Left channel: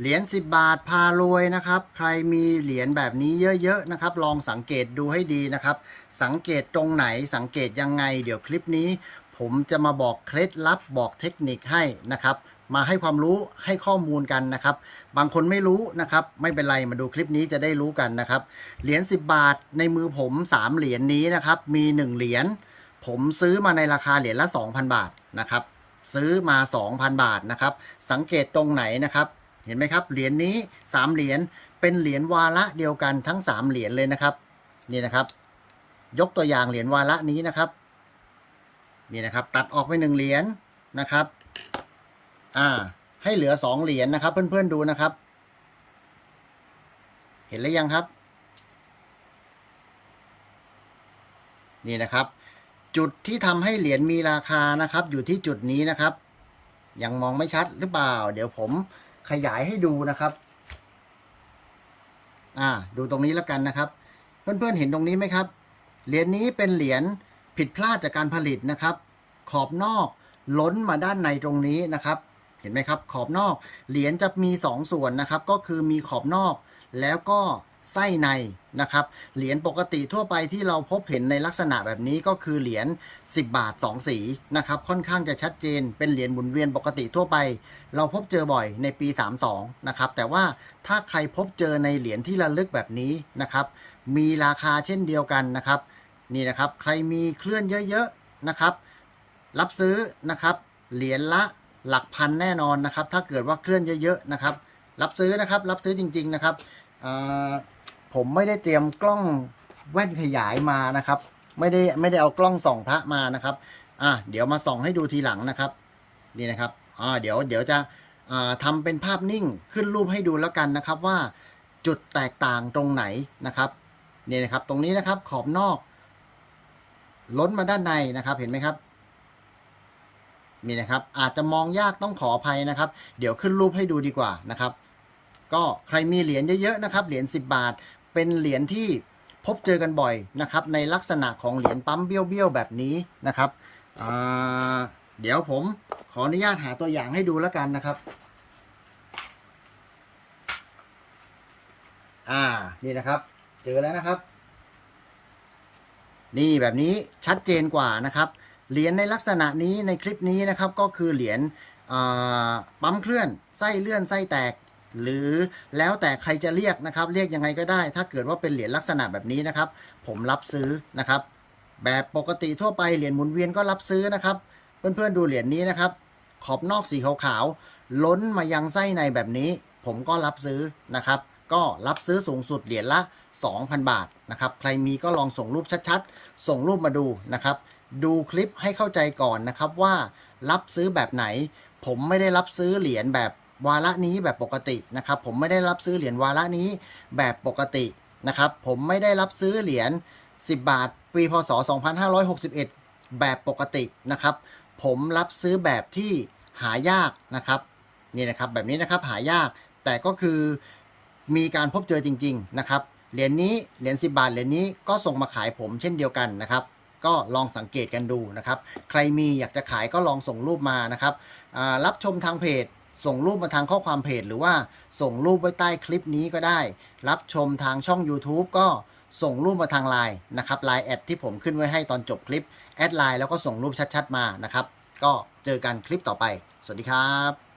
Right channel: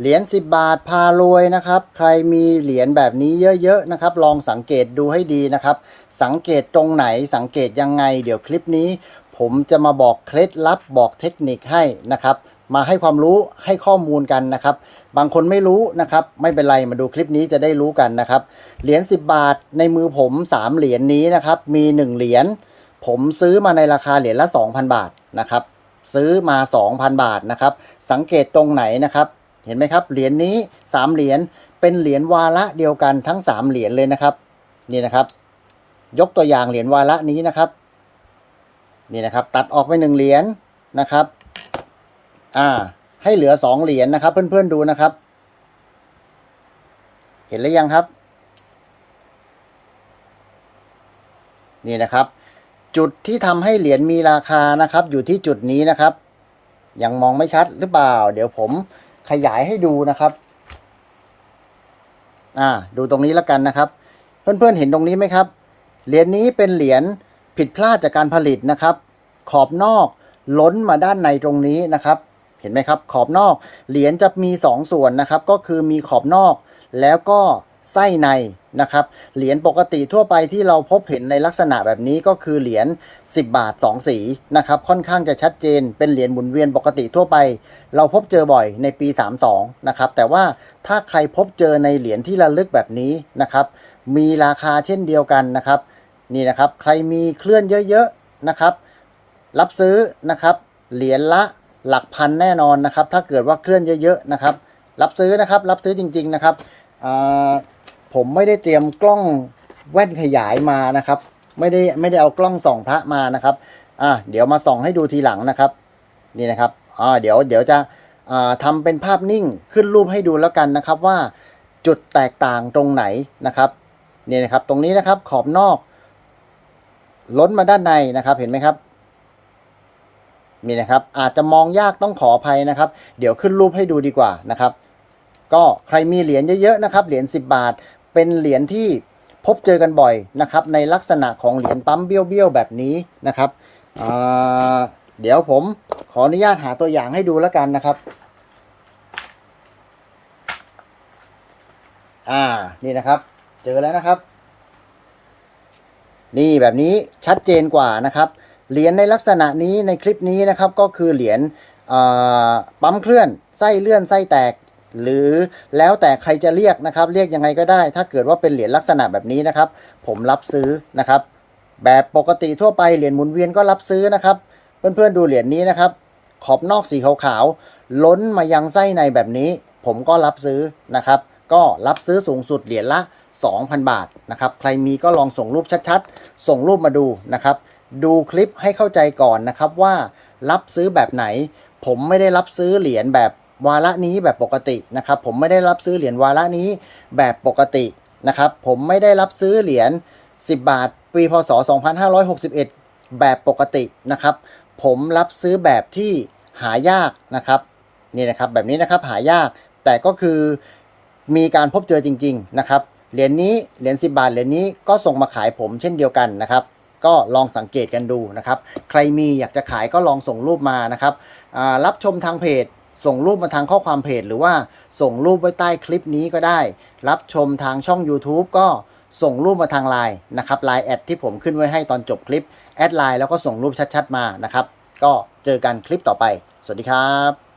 เหรียญ10 บาทพารวยนะครับ ใครมีเหรียญแบบนี้เยอะๆนะครับ ลองสังเกตดูให้ดีนะครับ สังเกตตรงไหนสังเกตยังไง เดี๋ยวคลิปนี้ ผมจะมาบอกเคล็ดลับบอกเทคนิคให้นะครับ มาให้ความรู้ให้ข้อมูลกันนะครับ บางคนไม่รู้นะครับ ไม่เป็นไรมาดูคลิปนี้จะได้รู้กันนะครับ เหรียญ10 บาทในมือผม 3 เหรียญนี้นะครับ มี 1 เหรียญผมซื้อมาในราคาเหรียญละ 2,000 บาทนะครับ ซื้อมา 2,000 บาทนะครับ สังเกตตรงไหนนะครับ เห็นไหมครับ เหรียญนี้ 3 เหรียญเป็นเหรียญวาระเดียวกันทั้ง 3 เหรียญเลยนะครับ นี่นะครับ ยกตัวอย่างเหรียญวาระนี้นะครับ นี่นะครับ ตัดออกไปหนึ่งเหรียญนะครับ อ่า ให้เหลือสองเหรียญนะครับ เพื่อนๆดูนะครับ เห็นหรือยังครับ นี่นะครับ จุดที่ทำให้เหรียญมีราคานะครับ อยู่ที่จุดนี้นะครับยังมองไม่ชัดหรือเปล่า เดี๋ยวผม ขยายให้ดูนะครับ อ่า ดูตรงนี้แล้วกันนะครับ เพื่อนๆเห็นตรงนี้ไหมครับ เหรียญนี้เป็นเหรียญผิดพลาดจากการผลิตนะครับ ขอบนอกล้นมาด้านในตรงนี้นะครับ เห็นไหมครับ ขอบนอก เหรียญจะมี 2 ส่วนนะครับ ก็คือมีขอบนอก แล้วก็ไส้ใน นะครับ เหรียญปกติทั่วไปที่เราพบเห็นในลักษณะแบบนี้ก็คือเหรียญ10 บาท 2 สีนะครับค่อนข้างจะชัดเจน เป็นเหรียญหมุนเวียนปกติทั่วไป เราพบเจอบ่อยในปี 32 นะครับ แต่ว่าถ้าใครพบเจอในเหรียญที่ระลึกแบบนี้นะครับ มีราคาเช่นเดียวกันนะครับนี่นะครับใครมีเคลื่อนเยอะๆนะครับ รับซื้อนะครับ เหรียญละหลักพันแน่นอนนะครับ ถ้าเกิดว่าเคลื่อนเยอะๆนะครับ รับซื้อนะครับ รับซื้อจริง ๆนะครับอ่า ผมไม่ได้เตรียมกล้องแว่นขยายมานะครับ ไม่ได้ไม่ได้เอากล้องส่องพระมานะครับ อ่าเดี๋ยวมาส่องให้ดูทีหลังนะครับ นี่นะครับอ่าเดี๋ยวเดี๋ยวจะอ่าทำเป็นภาพนิ่งขึ้นรูปให้ดูแล้วกันนะครับว่าจุดแตกต่างตรงไหนนะครับนี่นะครับ ตรงนี้นะครับขอบนอก ล้นมาด้านในนะครับ เห็นไหมครับนี่นะครับ อาจจะมองยากต้องขออภัยนะครับ เดี๋ยวขึ้นรูปให้ดูดีกว่านะครับ ก็ใครมีเหรียญเยอะๆนะครับ เหรียญ10 บาท เป็นเหรียญที่พบเจอกันบ่อยนะครับ ในลักษณะของเหรียญปั๊มเบี้ยวๆแบบนี้นะครับเดี๋ยวผมขออนุญาตหาตัวอย่างให้ดูแล้วกันนะครับอ่านี่นะครับ เจอแล้วนะครับ นี่แบบนี้ชัดเจนกว่านะครับเหรียญในลักษณะนี้ในคลิปนี้นะครับก็คือเหรียญปั๊มเคลื่อนไส้เลื่อนไส้แตก หรือแล้วแต่ใครจะเรียกนะครับ เรียกยังไงก็ได้ ถ้าเกิดว่าเป็นเหรียญลักษณะแบบนี้นะครับ ผมรับซื้อนะครับ แบบปกติทั่วไปเหรียญหมุนเวียนก็รับซื้อนะครับ เพื่อนๆดูเหรียญนี้นะครับ ขอบนอกสีขาวๆล้นมายังไส้ในแบบนี้ ผมก็รับซื้อนะครับ ก็รับซื้อสูงสุดเหรียญละ 2,000 บาทนะครับ ใครมีก็ลองส่งรูปชัดๆ ส่งรูปมาดูนะครับ ดูคลิปให้เข้าใจก่อนนะครับว่ารับซื้อแบบไหน ผมไม่ได้รับซื้อเหรียญแบบ วาระนี้แบบปกตินะครับผมไม่ได้รับซื้อเหรียญวาระนี้แบบปกตินะครับผมไม่ได้รับซื้อเหรียญ10 บาท ปีพศ 2561 แบบปกตินะครับ ผมรับซื้อแบบที่หายากนะครับนี่นะครับแบบนี้นะครับหายากแต่ก็คือมีการพบเจอจริง ๆนะครับเหรียญนี้เหรียญ10 บาทเหรียญนี้ก็ส่งมาขายผมเช่นเดียวกันนะครับ ก็ลองสังเกตกันดูนะครับ ใครมีอยากจะขายก็ลองส่งรูปมานะครับรับชมทางเพจ ส่งรูปมาทางข้อความเพจ หรือว่าส่งรูปไว้ใต้คลิปนี้ก็ได้ รับชมทางช่อง YouTube ก็ส่งรูปมาทางไลน์นะครับไลน์แอดที่ผมขึ้นไว้ให้ตอนจบคลิป แอดไลน์แล้วก็ส่งรูปชัดๆมานะครับ ก็เจอกันคลิปต่อไป สวัสดีครับ